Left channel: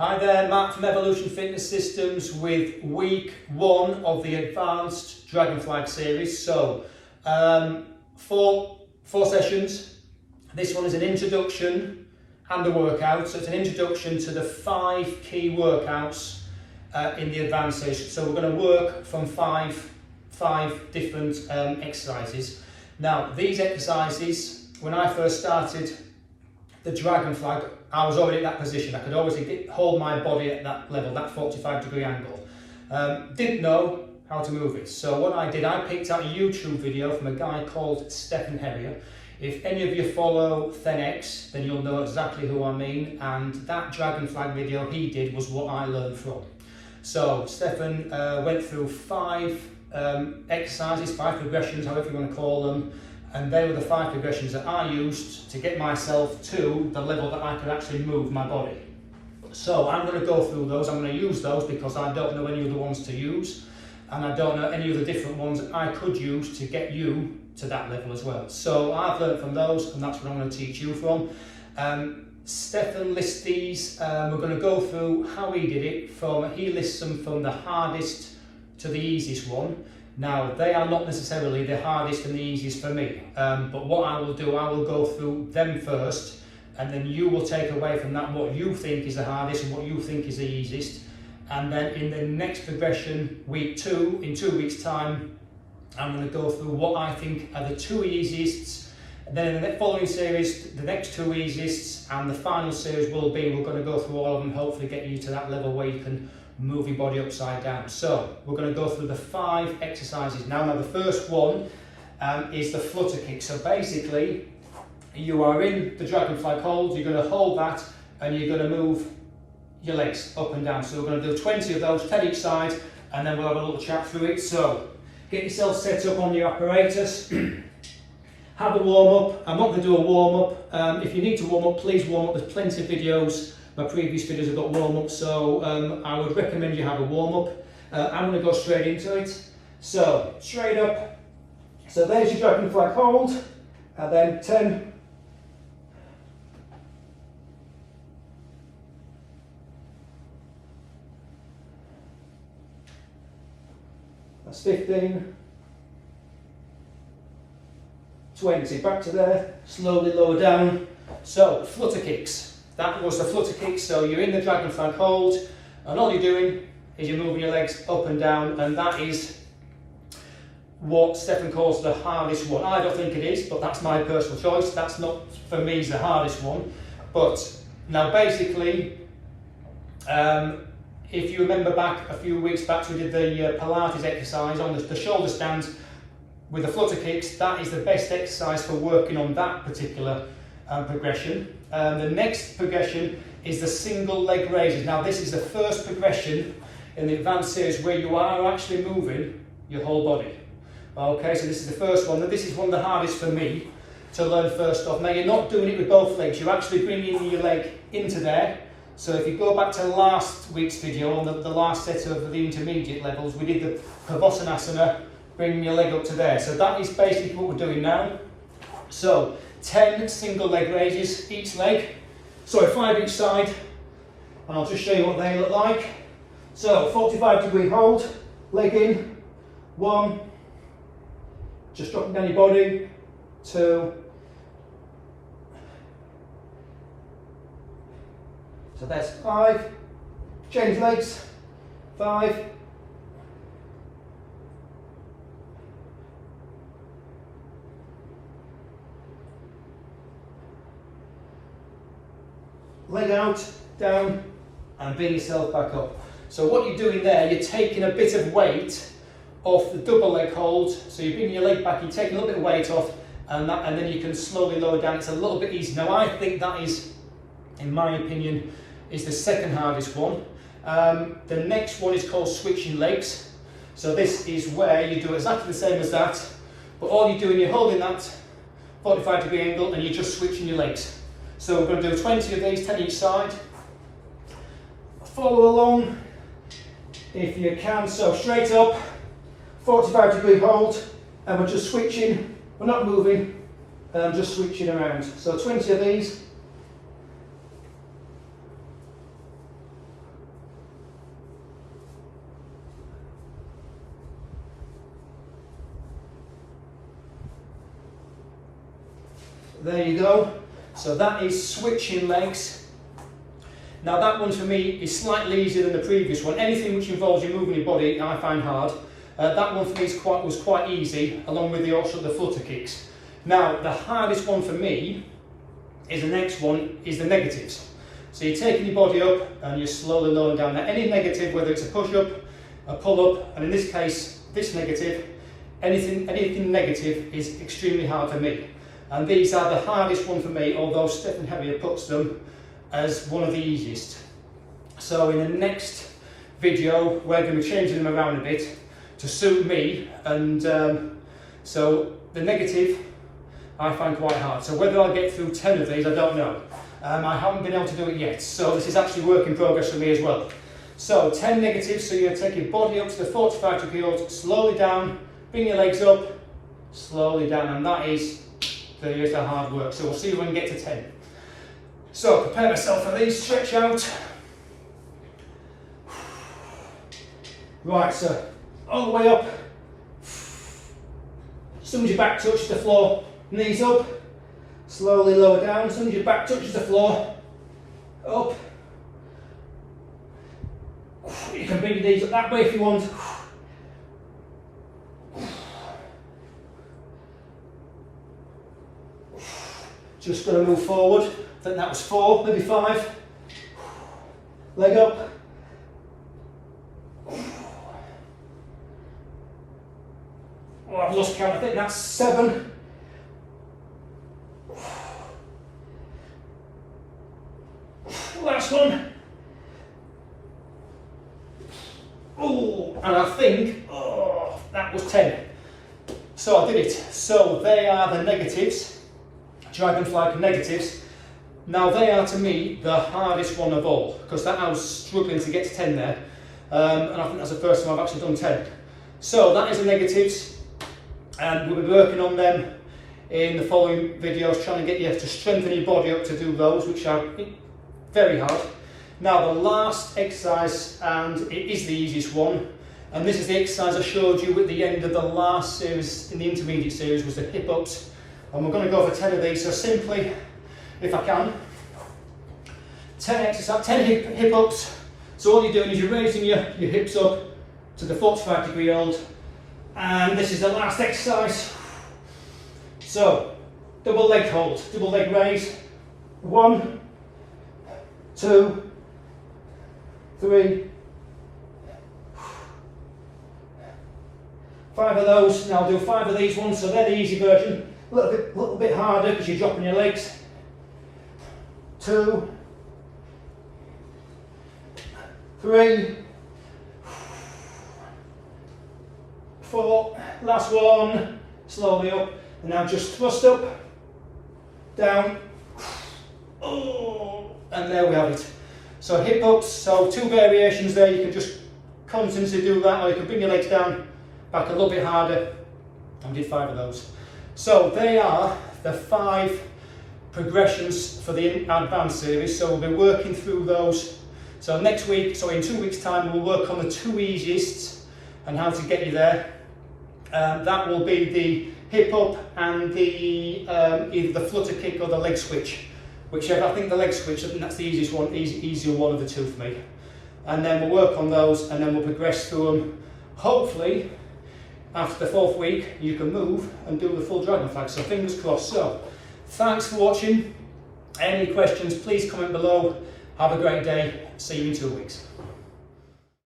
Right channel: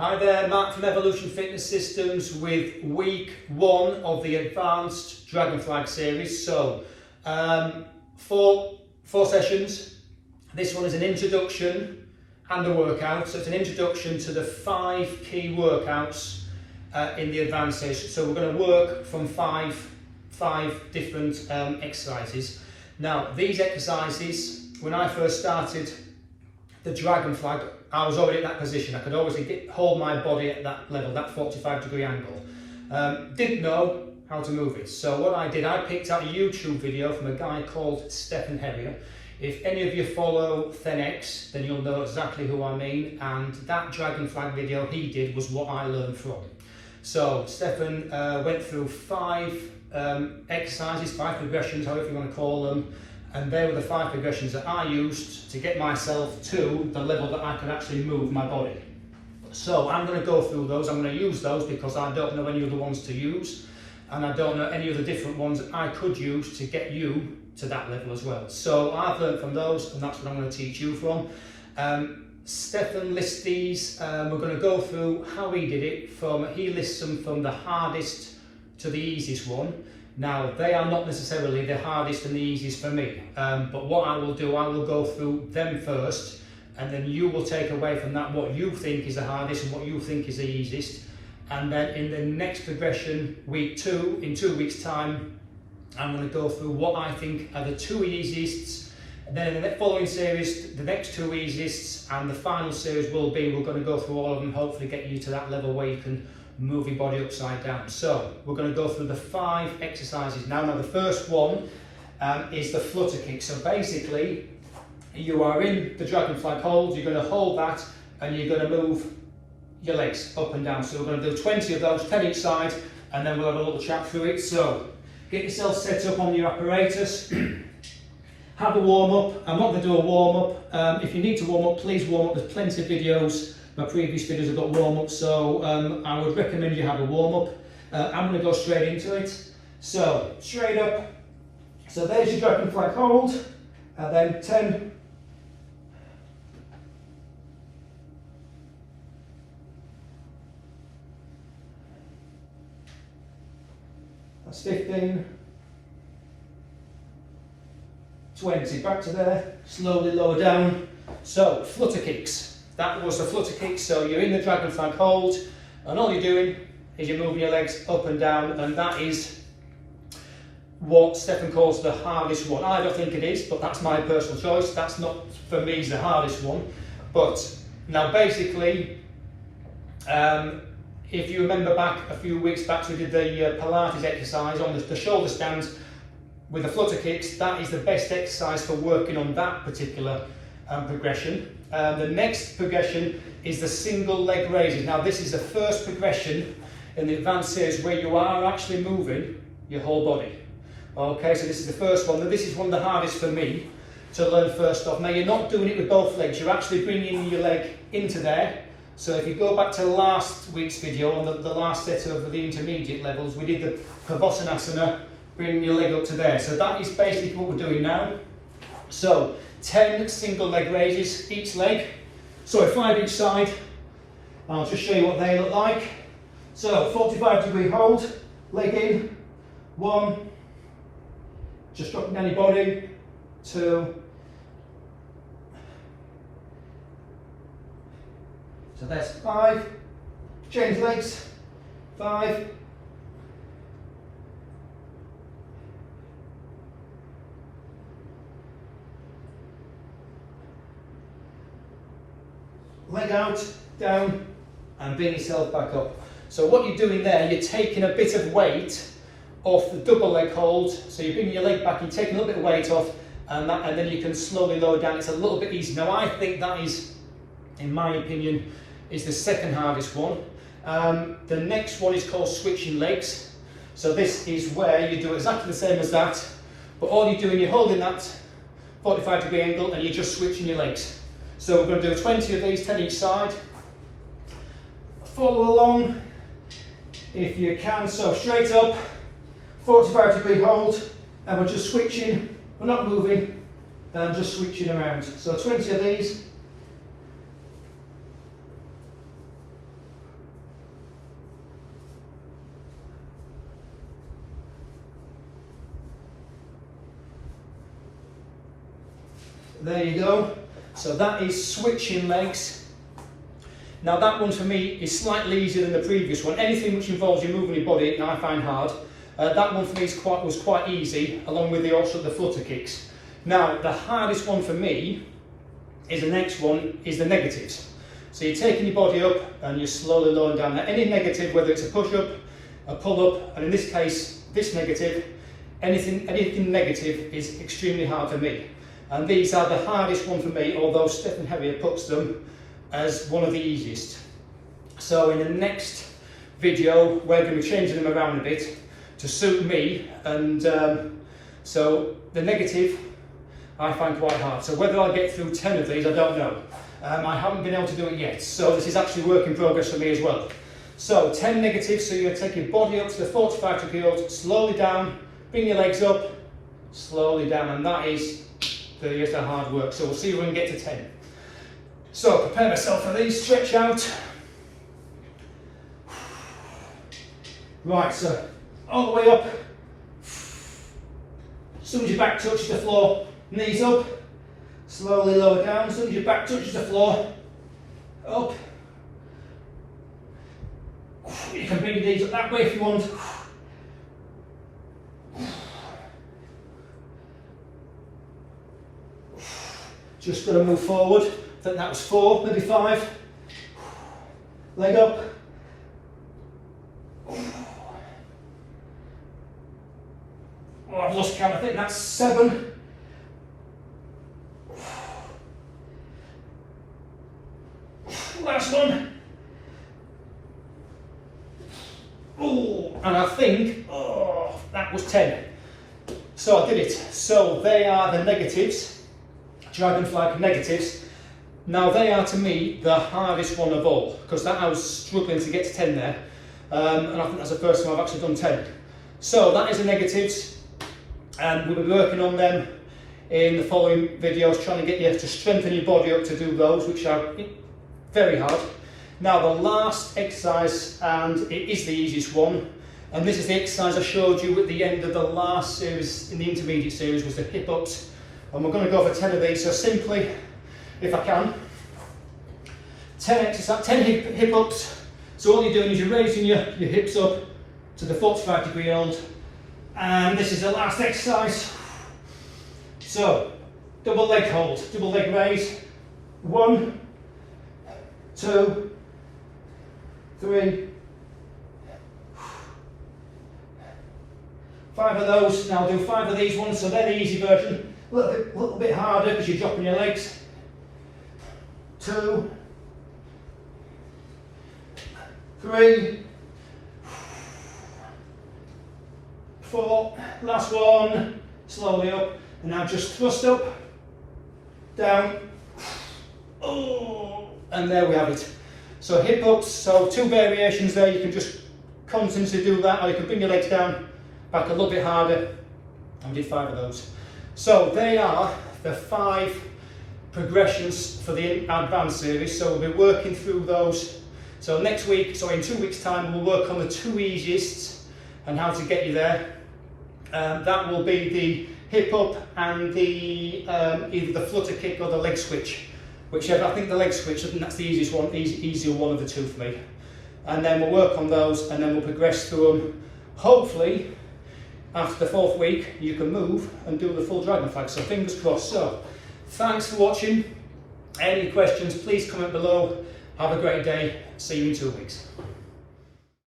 Hi there, Matt from Evolution Fitness Systems with week 1 of the Advanced Dragon Flag series. So, four sessions. This one is an introduction and a workout. So it's an introduction to the 5 key workouts in the advanced session. So we're going to work from five different exercises. Now, these exercises, when I first started the Dragon Flag, I was already at that position. I could always hold my body at that level, that 45-degree angle. Didn't know how to move it. So what I did, I picked out a YouTube video from a guy called Stephen Herrier. If any of you follow ThenX, then you'll know exactly who I mean. And that Dragon Flag video he did was what I learned from. So Stephen went through 5 exercises, 5 progressions, however you want to call them. And they were the 5 progressions that I used to get myself to the level that I could actually move my body. So I'm going to go through those. I'm going to use those because I don't know any other ones to use, and I don't know any other different ones that I could use to get you to that level as well. So I've learned from those, and that's what I'm going to teach you from. Stephen lists these. We're going to go through how he did it. He lists them from the hardest to the easiest one. Now, they are not necessarily the hardest and the easiest for me, but what I will do, I will go through them first, and then you will take away from that what you think is the hardest and what you think is the easiest. And then in the next progression, week 2, in 2 weeks' time, I'm going to go through what I think are the 2 easiest. And then in the following series, the next 2 easiest, and the final series will be, we're going to go through all of them, hopefully get you to that level where you can move your body upside down. So we're going to go through the 5 exercises now. Now the first one is the flutter kick. So basically you are in the Dragon Flag hold, you're going to hold that and you're going to move your legs up and down. So we're going to do 20 of those, 10 each side, and then we'll have a little chat through it. So get yourself set up on your apparatus. Have a warm up. I'm not going to do a warm up. If you need to warm up, please warm up. There's plenty of videos. My previous videos have got warm up, so I would recommend you have a warm up. I'm going to go straight into it. So straight up. So there's your Dragon Flag hold, and then 10. That's 15. 20. Back to there. Slowly lower down. So flutter kicks. That was the flutter kick, so you're in the Dragon Flag hold, and all you're doing is you're moving your legs up and down, and that is what Stephen calls the hardest one. I don't think it is, but that's my personal choice. That's not, for me, the hardest one. But now basically, if you remember back a few weeks back, we did the Pilates exercise on the shoulder stand with the flutter kicks. That is the best exercise for working on that particular progression. The next progression is the single leg raises. Now this is the first progression in the advanced series where you are actually moving your whole body. Okay, so this is the first one. Now this is one of the hardest for me to learn first off. Now you're not doing it with both legs, you're actually bringing your leg into there. So if you go back to last week's video on the last set of the intermediate levels, we did the Pavottanasana, bringing your leg up to there. So that is basically what we're doing now. So 10 single leg raises each leg, so 5 each side. I'll just show you what they look like. So 45-degree hold, leg in, 1, just dropping down your body, 2, so that's 5, change legs, 5, leg out, down, and bring yourself back up. So what you're doing there, you're taking a bit of weight off the double leg hold. So you're bringing your leg back, you're taking a little bit of weight off, and then you can slowly lower down. It's a little bit easy. Now I think that is, in my opinion, is the second hardest one. The next one is called switching legs. So this is where you do exactly the same as that, but all you're doing, you're holding that 45-degree angle and you're just switching your legs. So we're going to do 20 of these, 10 each side. Follow along if you can. So straight up, 45-degree hold, and we're just switching. We're not moving, just switching around. So 20 of these. there you go. So that is switching legs. Now that one for me is slightly easier than the previous one. Anything which involves you moving your body I find hard. That one for me was quite easy, along with also the flutter kicks. Now the hardest one for me is the next one, is the negatives. So you're taking your body up and you're slowly lowering down there. Any negative, whether it's a push-up, a pull-up, and in this case, this negative, anything negative is extremely hard for me. And these are the hardest one for me, although Stephen Herrier puts them as one of the easiest. So in the next video, we're going to be changing them around a bit to suit me, and so the negative I find quite hard. So whether I'll get through 10 of these, I don't know. I haven't been able to do it yet, so this is actually work in progress for me as well. So 10 negatives, so you're going to take your body up to the 45 degree hold, slowly down, bring your legs up, slowly down, and that is the hard work. So we'll see when we get to 10. So prepare myself for these, stretch out. Right, so all the way up. As soon as your back touches the floor, knees up. Slowly lower down. As soon as your back touches the floor, up. You can bring these up that way if you want. Just going to move forward. I think that was 4, maybe 5. Leg up. Oh, I've lost count. I think that's 7. Last one. Oh, and I think, that was 10. So I did it. So they are the negatives, dragon flag negatives. Now they are to me the hardest one of all, because that I was struggling to get to 10 there, and I think that's the first time I've actually done 10. So that is the negatives, and we'll be working on them in the following videos, trying to get you to strengthen your body up to do those, which are very hard. Now the last exercise, and it is the easiest one, and this is the exercise I showed you at the end of the last series, in the intermediate series, was the hip ups, and we're going to go for 10 of these. So simply, if I can, 10 hip ups. So all you're doing is you're raising your hips up to the 45 degree hold, and this is the last exercise. So double leg hold, double leg raise. 1, 2, 3, 5 of those. Now I'll do 5 of these ones, so they're the easy version. A little bit harder because you're dropping your legs. 2, 3, 4, last one, slowly up, and now just thrust up, down, and there we have it. So hip ups, so 2 variations there. You can just continuously do that, or you can bring your legs down, back a little bit harder, and we did 5 of those. So they are the 5 progressions for the advanced series, so we'll be working through those. So next week, so in 2 weeks time, we'll work on the 2 easiest and how to get you there. That will be the hip up and the either the flutter kick or the leg switch, whichever. I think the leg switch, I think that's the easiest one, easier one of the 2 for me. And then we'll work on those, and then we'll progress through them. Hopefully, after the 4th week, you can move and do the full dragon flag. So fingers crossed. So thanks for watching. Any questions, please comment below. Have a great day. See you in 2 weeks.